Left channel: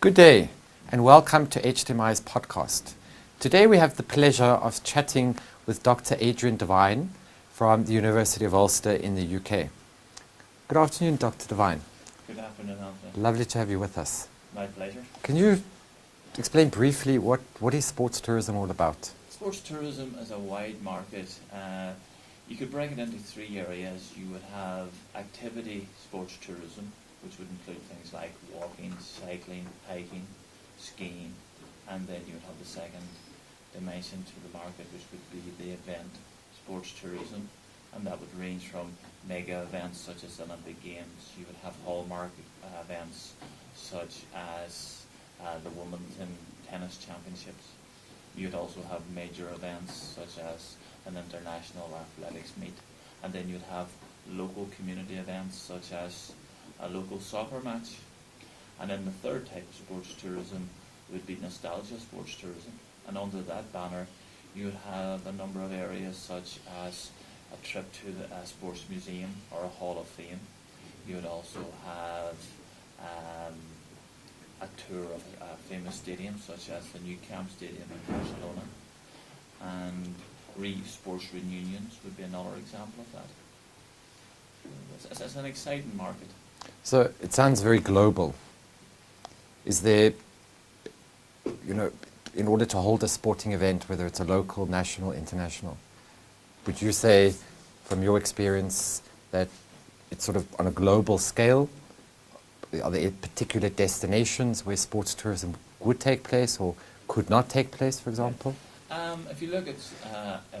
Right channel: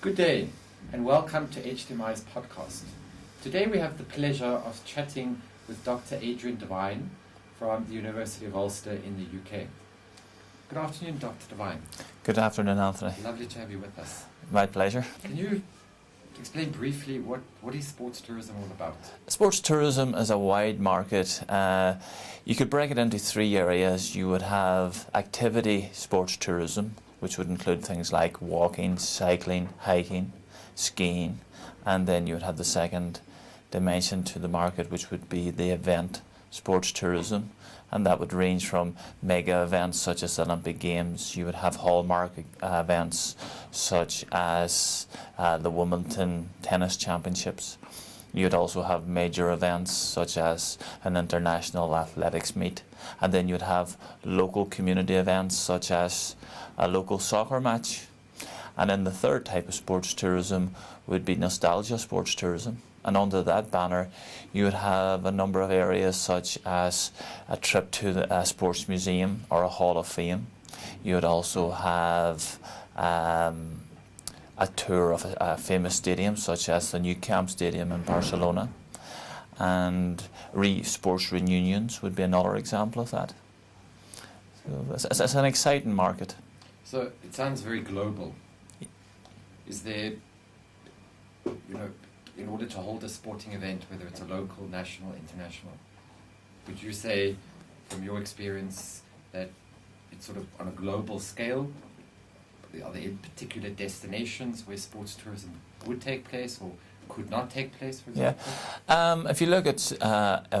Good day and welcome to HTMi's podcast. Today we have the pleasure of chatting with Dr. Adrian Devine from the University of Ulster in the UK. Good afternoon, Dr. Devine. Good afternoon, Anthony. Lovely to have you with us. My pleasure. Can you explain briefly what is sports tourism all about? Sports tourism is a wide market. You could break it into three areas. You would have activity sports tourism, which would include things like walking, cycling, hiking, skiing, and then you would have the second dimension to the market, which would be the event sports tourism, and that would range from mega events such as the Olympic Games. You would have hallmark events such as the Wimbledon Tennis Championships. You'd also have major events such as an international athletics meet, and then you'd have local community events such as a local soccer match. And then the third type of sports tourism would be nostalgia sports tourism. And under that banner, you would have a number of areas such as a trip to a sports museum or a Hall of Fame. You would also have a tour of a famous stadium such as the Nou Camp Stadium in Barcelona. And sports reunions would be another example of that. So it's an exciting market. So it sounds very global. Is there, in order to hold a sporting event, whether it's a local, national, international, would you say, from your experience, that it's sort of on a global scale? Are there particular destinations where sports tourism would take place or could not take place, for example? Yeah. If you look at,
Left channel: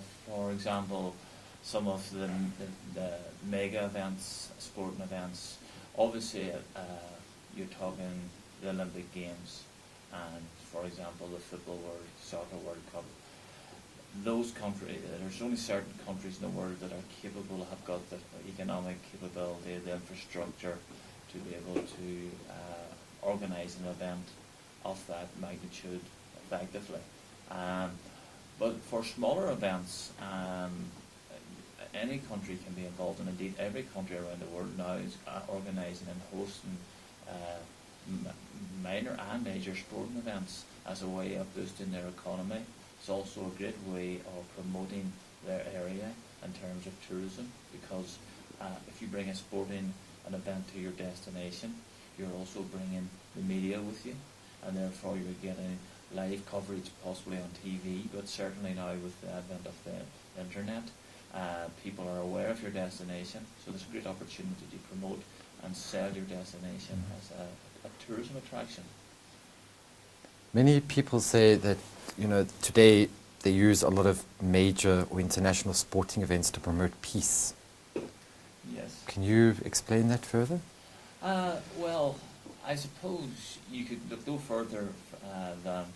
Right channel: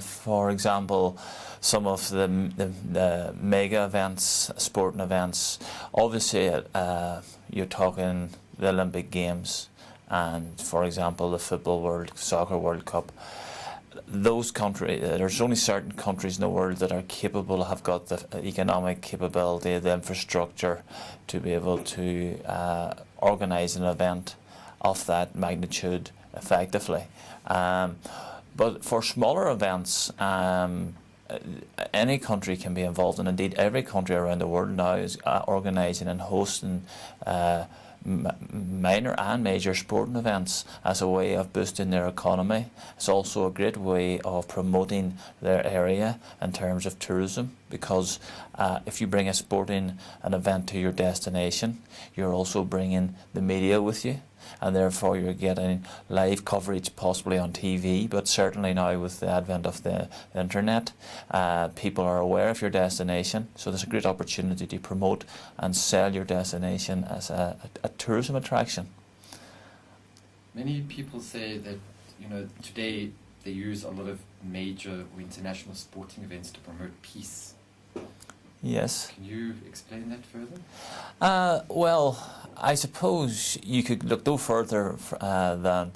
for example, some of the mega events, sporting events, obviously you're talking the Olympic Games and, for example, the Soccer World Cup. Those countries, there's only certain countries in the world that are capable, have got the economic capability, the infrastructure to be able to organise an event of that magnitude effectively. But for smaller events, any country can be involved, and indeed every country around the world now is organising and hosting minor and major sporting events as a way of boosting their economy. It's also a great way of promoting their area in terms of tourism, because if you bring an event to your destination, you're also bringing the media with you, and therefore you're getting live coverage possibly on TV, but certainly now with the advent of the internet, people are aware of your destination, so there's a great opportunity to promote and sell your destination as a tourism attraction. Many people say that, today they use a lot of major or international sporting events to promote peace. Yes. Can you explain that further? Well, I suppose you could look no further than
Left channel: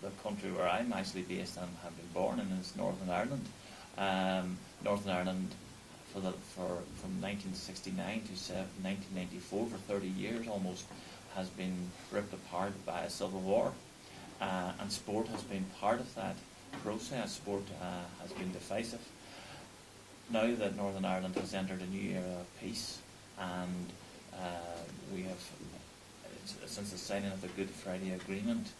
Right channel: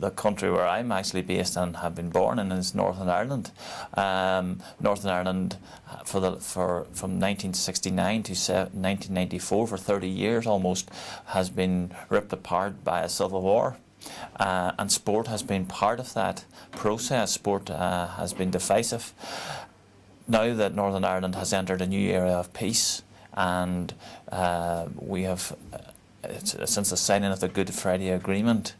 the country where I'm actually based and have been born in, is Northern Ireland. Northern Ireland, from 1969 to 1994, for 30 years almost, has been ripped apart by a civil war, and sport has been part of that process. Sport has been decisive. Now that Northern Ireland has entered a new era of peace, and we have, since the signing of the Good Friday Agreement,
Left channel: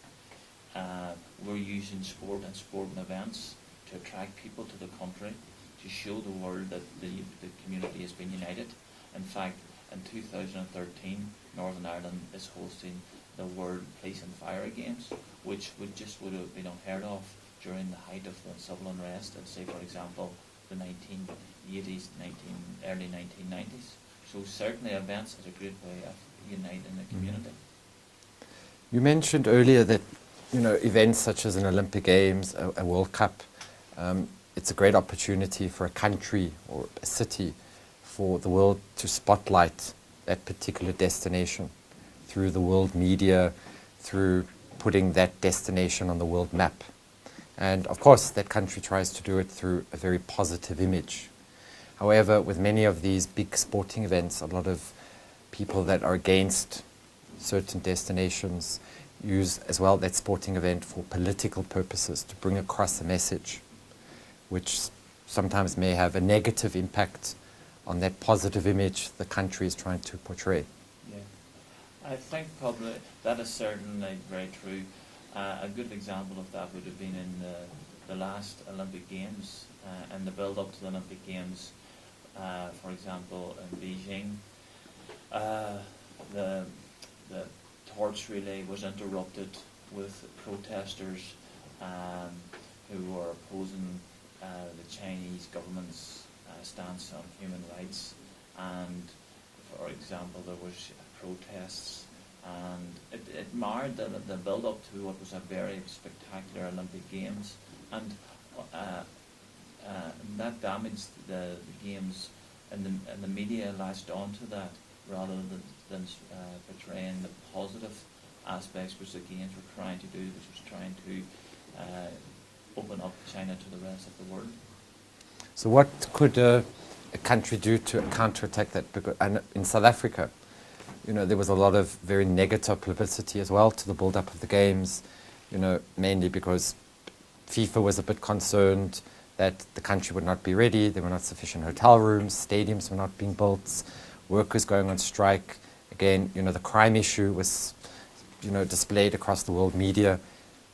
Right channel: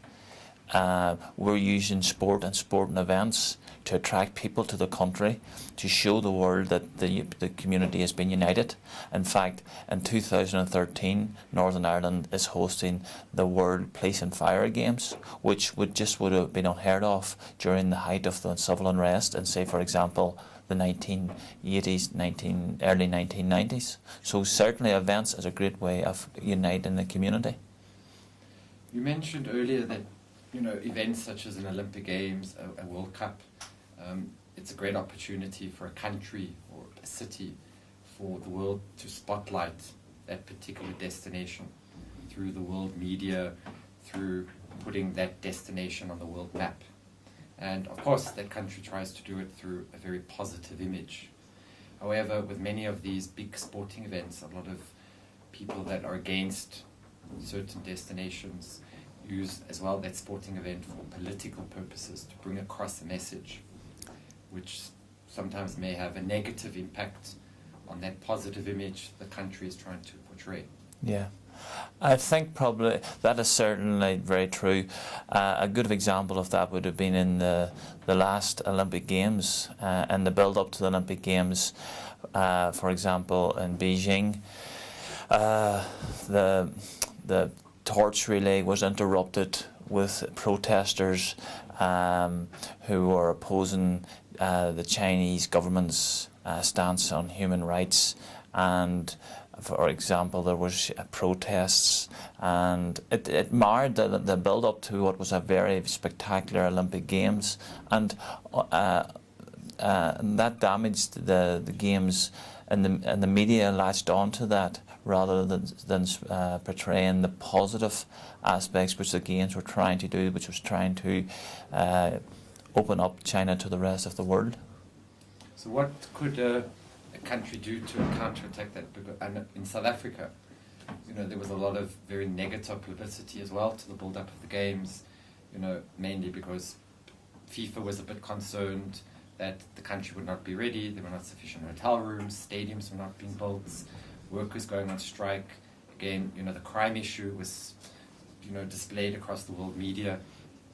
we're using sport and sporting events to attract people to the country, to show the world that the community has been united. In fact, in 2013, Northern Ireland is hosting the World Police and Fire Games, which would have been unheard of during the height of the civil unrest in, say, for example, the 1980s, early 1990s. So certainly events is a great way of uniting the community. You mentioned earlier that events such as an Olympic Games, a World Cup, it's a great opportunity for a country or a city, for the world to spotlight that particular destination through the world media, through putting that destination on the world map. And of course, that country tries to do it through a very positive image. However, with many of these big sporting events, a lot of people that are against certain destinations use as well that sporting event for political purposes, to bring across a message, which sometimes may have a negative impact on that positive image the country is trying to portray. Yeah. I think probably that is certainly very true. A good example of that would have been in the last Olympic Games and the build-up to the Olympic Games. For example, in Beijing, the torch relay was interrupted with protesters who were opposing the Chinese government's stance on human rights, and for example there was protests, and it marred the build-up to what was a very spectacular Olympic Games, and that damaged the games, and the media latched onto that rather than portraying the positive aspects which the games were trying to do, which was trying to open up China to the rest of the world. So what could a country do to counterattack that? Because, and in South Africa, you know, there was a lot of very negative publicity as well to the build-up of the games, you know, mainly because FIFA was a bit concerned that the country would not be ready, there were not sufficient hotel rooms, stadiums were not being built, workers going on strike. Again, you know, the crime issue was, you know, displayed across the world media.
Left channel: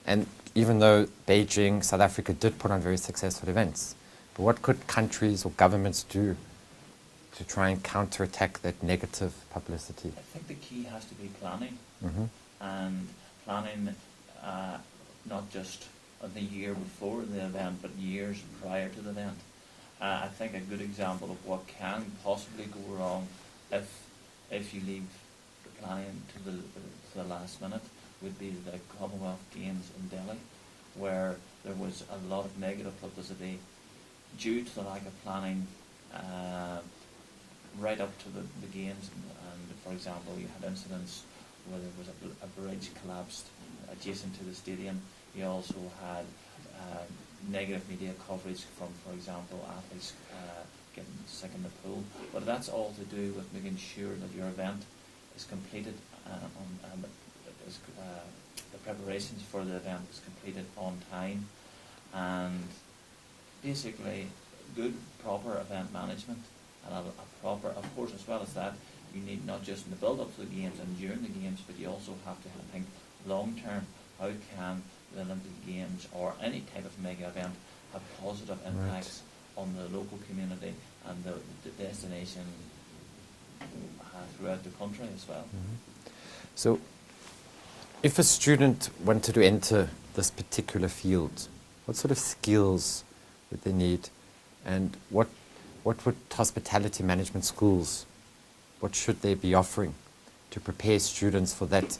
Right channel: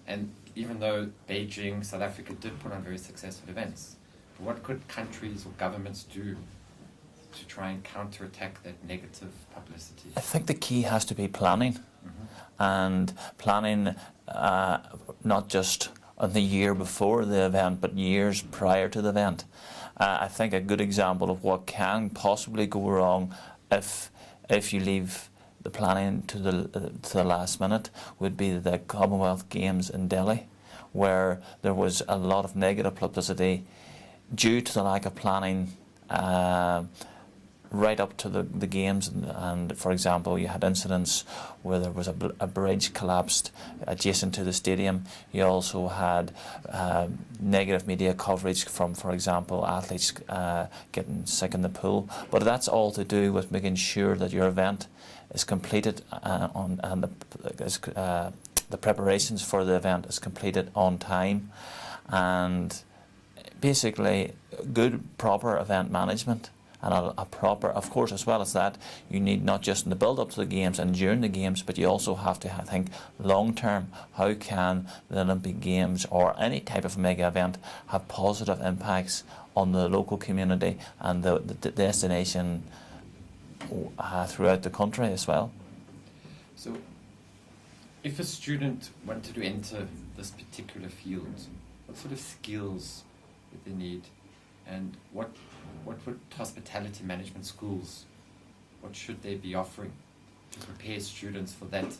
And even though Beijing, South Africa did put on very successful events, but what could countries or governments do to try and counterattack that negative publicity? I think the key has to be planning, and planning not just on the year before the event, but years prior to the event. I think a good example of what can possibly go wrong if you leave the planning to the last minute would be the Commonwealth Games in Delhi, where there was a lot of negative publicity due to the lack of planning right up to the games, and for example you had incidents where there was a bridge collapsed adjacent to the stadium. You also had negative media coverage from, for example, athletes getting sick in the pool, but that's all to do with making sure that your event is completed and the preparations for the event is completed on time, and basically good proper event management. And a proper, of course, as well as that, you need not just in the build-up to the games and during the games, but you also have to think long-term. How can the Olympic Games or any type of mega event have positive impacts on the local community and the destination throughout the country as well? So, if a student wanted to enter this particular field, what sort of skills would they need, and what would hospitality management schools, what should they be offering to prepare students for that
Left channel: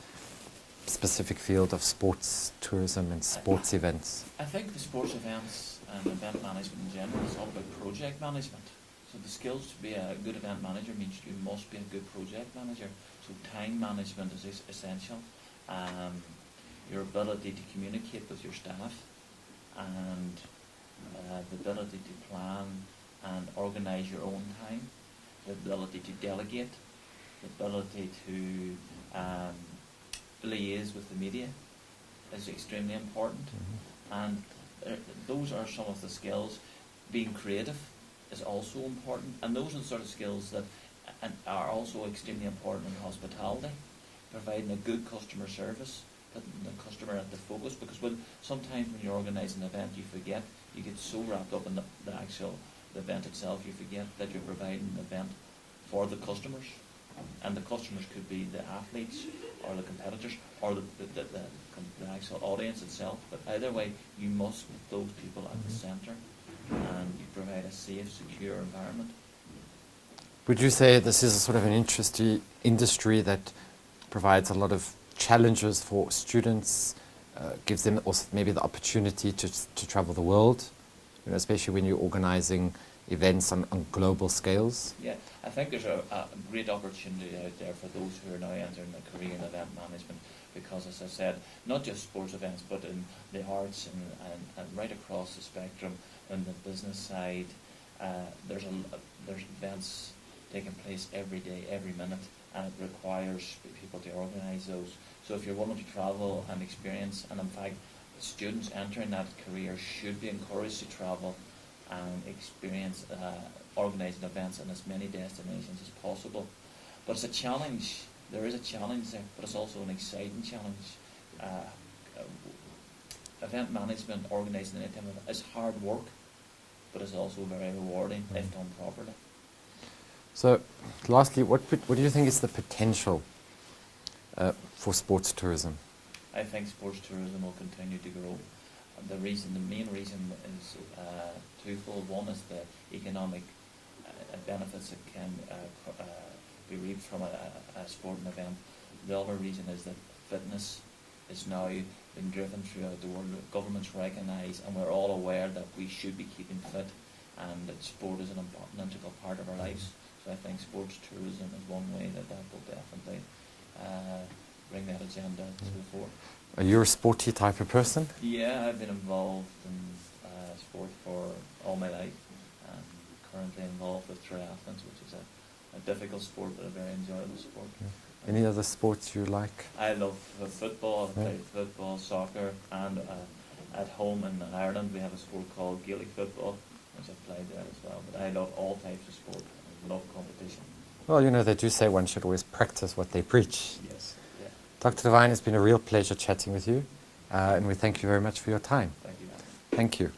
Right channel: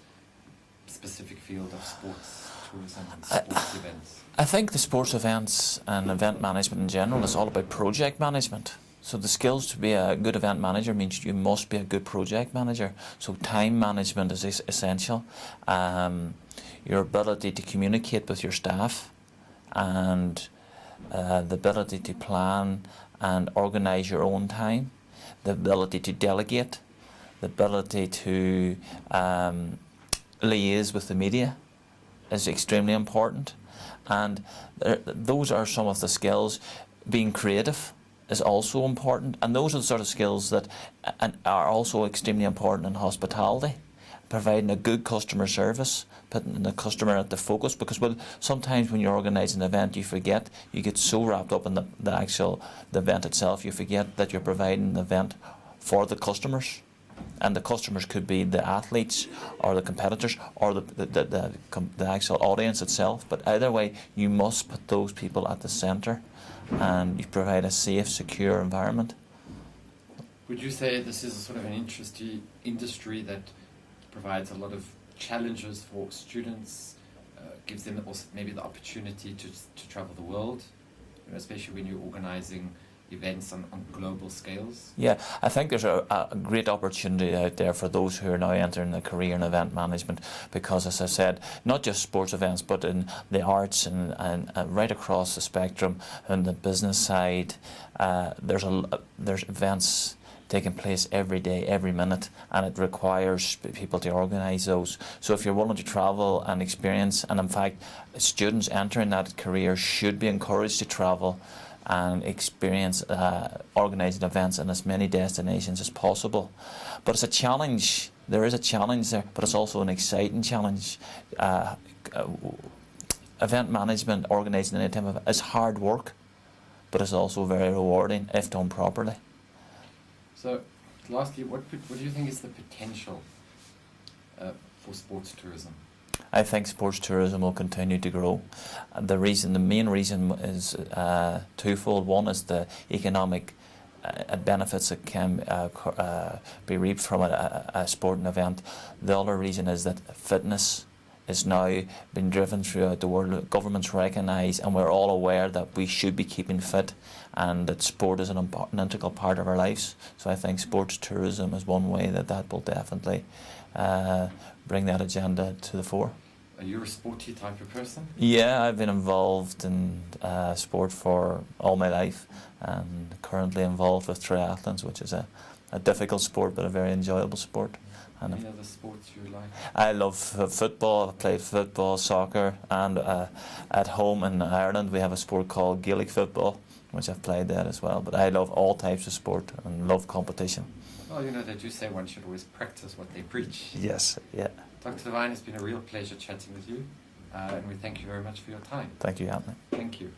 specific field of sports tourism and sports events? I think the sports events and event management in general is all about project management. So the skills to be a good event manager means you must be a good project manager. So time management is essential. Your ability to communicate with your staff, and the ability to plan and organise your own time, the ability to delegate, the ability to liaise with the media is extremely important. And those are some of the skills. Being creative is also important, and those are the sort of skills that are also extremely important in hospitality, providing a good customer service, putting the customer at the focus, because sometimes when you're organising an event you forget, you get so wrapped up in the event itself, you forget that you're providing an event for the customers, and the customers could be the athletes or the competitors or the actual audience itself, but either way you must put those people at the centre and you provide a safe, secure environment. Would you say this is a sort of an industry that provides a lot of challenges for students, gives them also maybe the opportunity to travel the world, you know, especially when you're organising events on global scales? Yeah, I think there's a great opportunity out there for those who are now entering a career in event management, because as I said, not just sports events but in the arts and right across the spectrum, and the business side, there's events taking place every day, every minute, and it requires people to organise those. So if you're willing to travel and experience, and in fact students entering that career should be encouraged to travel and experience organising events in as many destinations as possible. But it's a challenge there is a challenge there, but it's also an exciting challenge. Event management, organising any type of event, is hard work, but it's also very rewarding if done properly. So, lastly, what do you think is the potential for sports tourism? I think sports tourism will continue to grow. The main reason is twofold. One is the economic benefits that can be reaped from a sporting event. The other reason is that fitness is now being driven throughout the world. Governments recognise, and we're all aware that we should be keeping fit, and that sport is an integral part of our lives. So I think sports tourism is one way that will definitely bring that agenda to the fore. Are you a sporty type of person? Yeah, I've been involved in sport for all my life, and currently involved with triathlons, which is a difficult sport but a very enjoyable sport. Any other sports you like? I love football. I played football, soccer, and at home in Ireland we have a sport called Gaelic football, which I've played that as well. But I love all types of sport and love competition. Well, you know, they do say one should always practice what they preach. Yes, yeah. Dr. Devine, it's been a real pleasure chatting with you, and we thank you very much for your time. Thank you, Anthony. Thank you.